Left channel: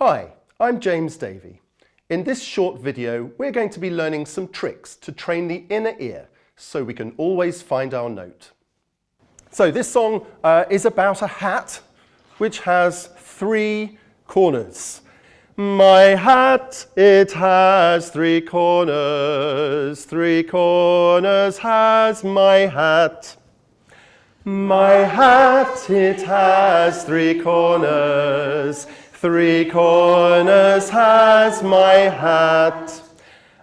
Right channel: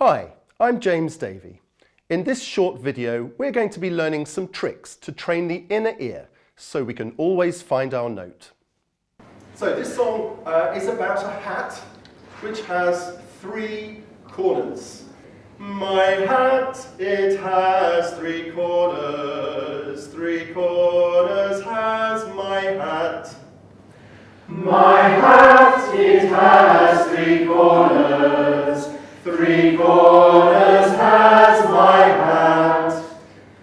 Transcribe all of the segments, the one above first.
Hi, I'm James Davey. In this short video, we're going to be learning some tricks to train the inner ear so we can always find our note. So this song is about a hat which has 3 corners. My hat, it has 3 corners, 3 corners has my hat. My hat, it has 3 corners, 3 corners has my hat.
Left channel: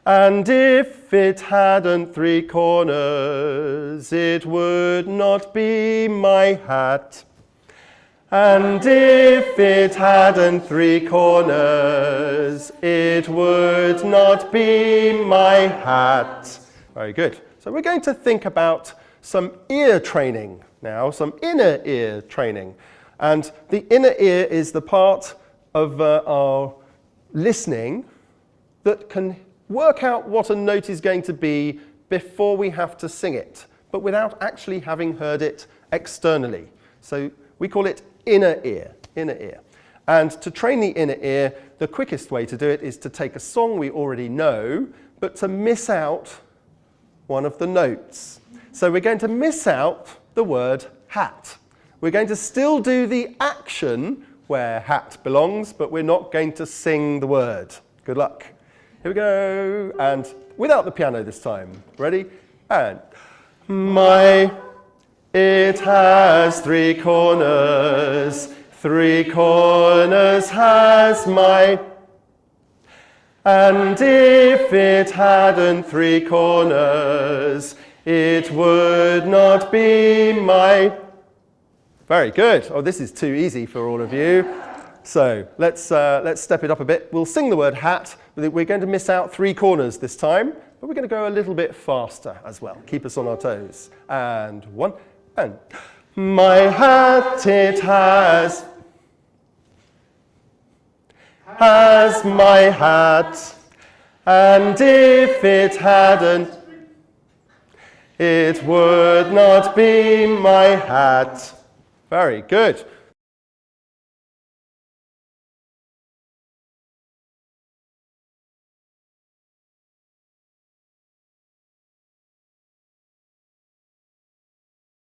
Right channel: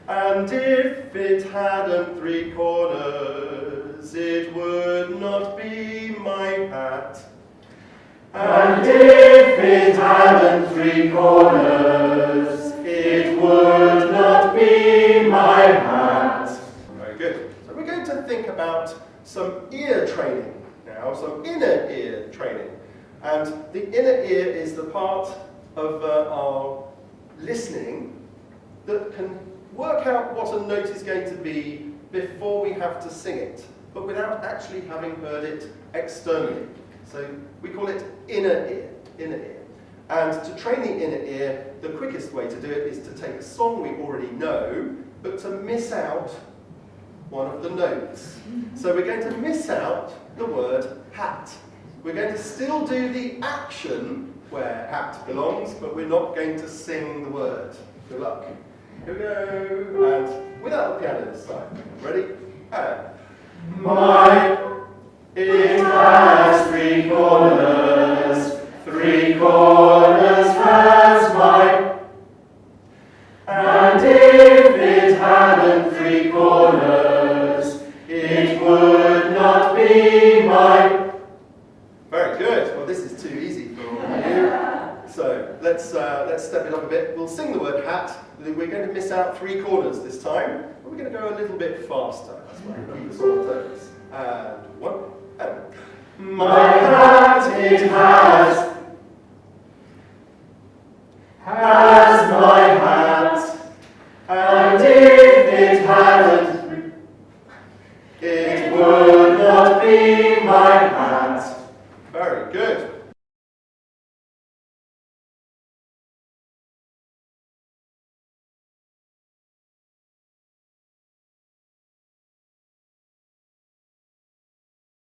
And if it hadn't 3 corners, it would not be my hat. And if it hadn't 3 corners, it would not be my hat. Very good. So we're going to think about some ear training now, some inner ear training. And the inner ear is the part of our listening that can work out what a note is going to be before we have to sing it, but without actually having heard it externally. So we call it inner ear, inner ear. And to train the inner ear, the quickest way to do it is to take a song we already know, but to miss out one of the notes. So we're going to miss out the word hat. We're going to still do the action where hat belongs, but we're not going to sing the word. Good luck. Here we go. And without the piano this time. Ready? And my, it has 3 corners, 3 corners has my. And if it hadn't 3 corners, it would not be my. Very good. Oh, this is too easy for all of you. So let's step it up a bit. We'll sing the word hat. We're going to miss out 3 corners this time, but we're going to go a little bit faster as well. Keep us on our toes. And 1, and my hat, it has my hat, and if it hadn't, it would not be my hat. Very good.